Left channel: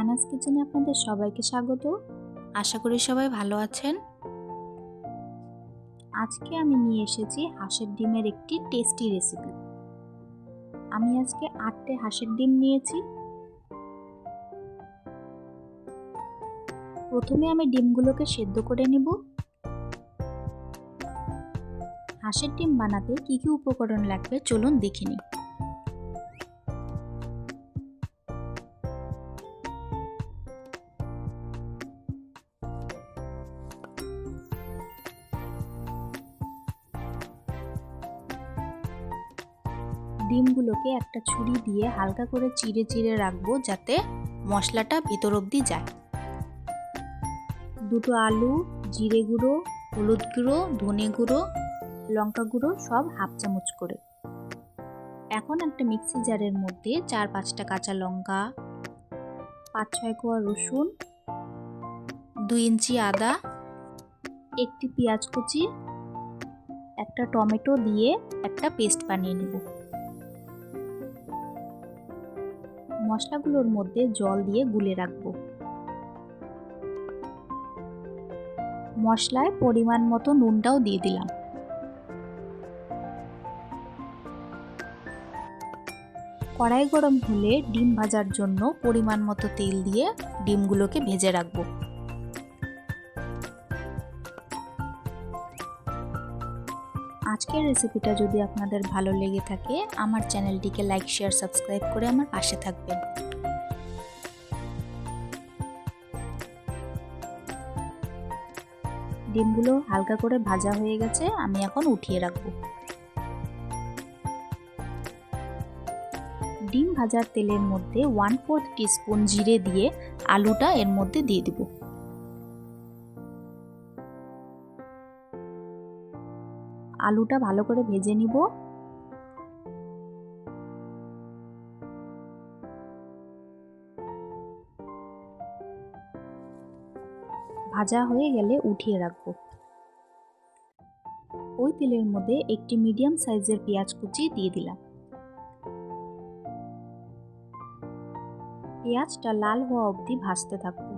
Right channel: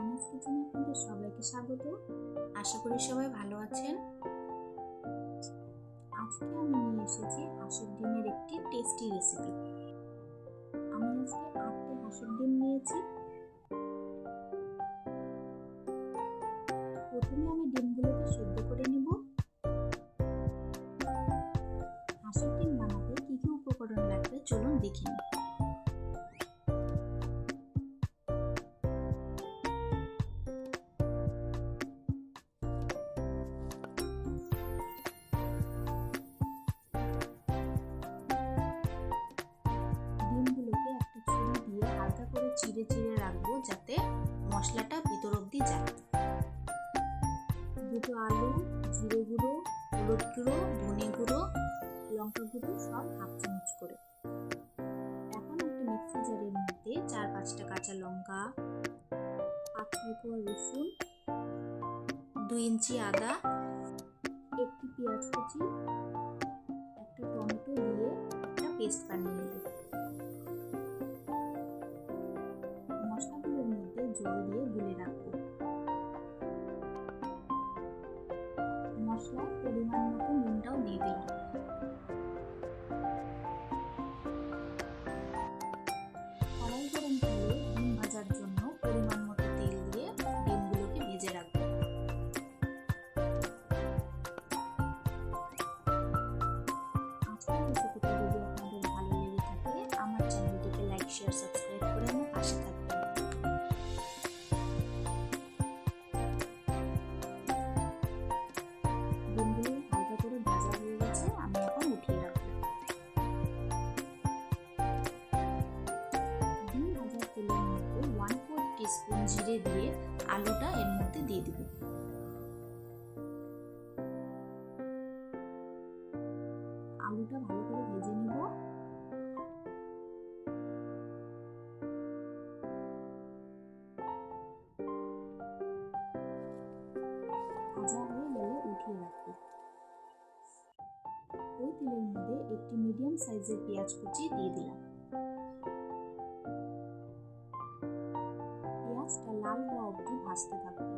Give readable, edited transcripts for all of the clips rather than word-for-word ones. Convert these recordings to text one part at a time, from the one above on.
আনাজ কিচেনে আপনাদের সবাইকে স্বাগত। আশা করি সবাই ভালো আছেন। আজকে আমি নিয়ে এসেছি হাঁসের ডিমের একটি টেস্টি রেসিপি। আমি আজকে 8টে হাঁসের ডিম নিয়েছি। প্রথমে আমি ডিমগুলোকে সেদ্ধ করে নেব। হাঁসের ডিম বানাতে কি কি উপকরণ লাগবে চলুন দেখে নিই। ডিমগুলোকে একটা ছুরি দিয়ে হালকা করে চিড়ে চিড়ে রাখবো যাতে মশলাটা ভিতর অবধি যায়। দুটো আলু, জিরে গুঁড়ো, হলুদ গুঁড়ো, ধনে গুঁড়ো, লঙ্কা গুঁড়ো সব হাফ চামচ করে। এখন একটা মিক্সি জারের মধ্যে 4-5টা কাঁচা লঙ্কা, 5-6 কোয়া রসুন, 2 ইঞ্চি আদা, একটি পেঁয়াজ কুচি, একটা টমেটো দিয়ে একটা পেস্ট বানিয়ে নেব। মশলাগুলোর মধ্যে জল দিয়ে গুলে রাখবো। মশলায় পরিমাণ মতো নুনটাও দিয়ে দিলাম। কড়াই গরম হলে ডিম ভাজার জন্য পরিমাণ মতো তেল দিয়ে ডিমগুলোকে ভেজে রাখবো। আজকের রেসিপিটা যদি আপনাদের ভালো লেগে থাকে আমার চ্যানেলটিকে লাইক, শেয়ার, সাবস্ক্রাইব করে আমার পাশে থাকবেন। ডিমগুলো হালকা করে ভাজা হয়ে গেছে, আমি এখন উঠিয়ে রাখবো। ডিম ভাজার তেলের মধ্যে 1/4 টিস্পুন জিরে দিয়ে আলুটা এর মধ্যে দিয়ে দিব। আলুটা ভালো করে ভেজে নিব। ভাজা হয়ে গেলে উঠিয়ে রাখবো। ওই তেলের মধ্যে একটি মিডিয়াম সাইজের পেঁয়াজ কুচি দিয়ে দিলাম। পেঁয়াজটা লাল হওয়া অবধি ভাজতে থাকবো।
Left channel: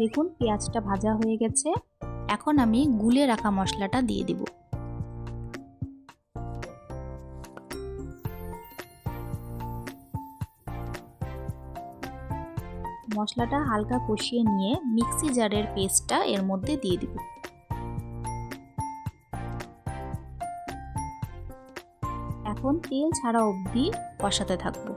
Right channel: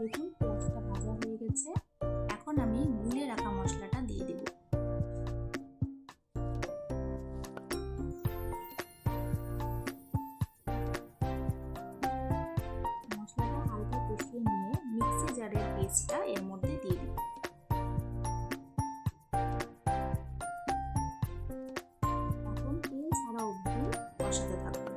দেখুন পেঁয়াজটা ভাজা হয়ে গেছে। এখন আমি গুলে রাখা মশলাটা দিয়ে দিব। মশলাটা হালকা কষিয়ে নিয়ে মিক্সি জারের পেস্টটা এর মধ্যে দিয়ে দিব। এখন তেল ছাড়া অবধি কষাতে থাকবো।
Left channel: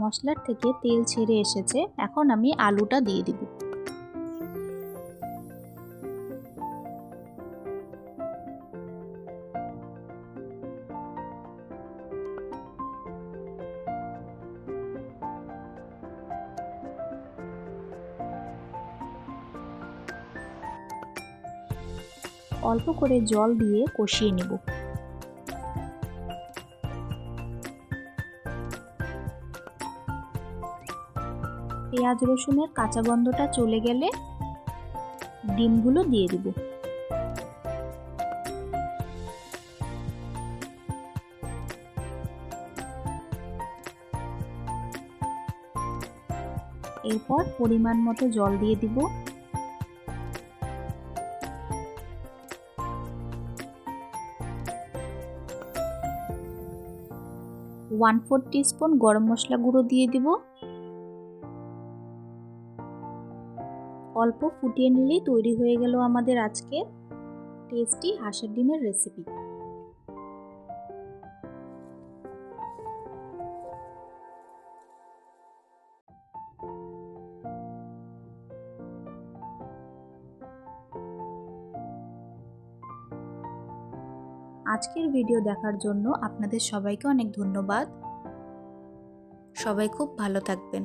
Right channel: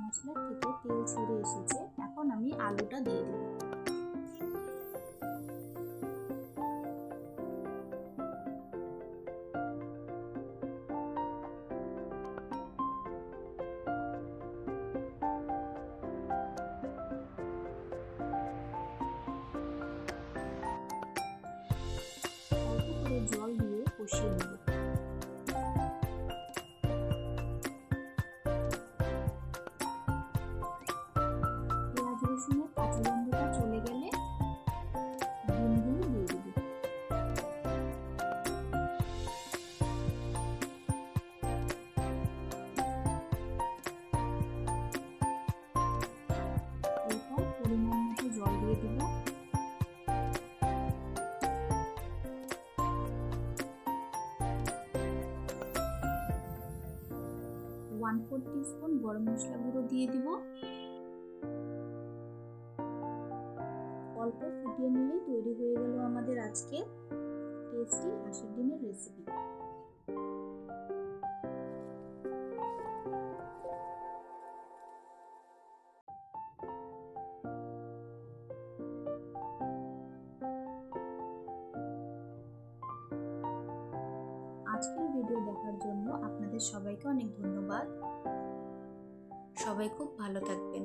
মশলার থেকে তেল ছেড়ে এসেছে, এখন আমি আলুটা দিয়ে দিব। অল্প করে জল দিয়ে কষিয়ে নিব। পেঁয়াজ রসুনের কাঁচা গন্ধটা চলে গেলে ডিমগুলো দিয়ে দিব। এরপর পরিমাণ মতো জল দিয়ে দিব। ওয়ান 4 টিস্পুন গরম মশলা গুঁড়ো দিয়ে দিব। অল্প ফুটিয়ে নিলেই তৈরি হয়ে গেল আমাদের আজকে টেস্টি হাঁসের ডিমের রেসিপি। আজকের ভিডিও দেখার জন্য আপনাদের সবাইকে অনেক ধন্যবাদ। সবাই খুব ভালো থাকবেন।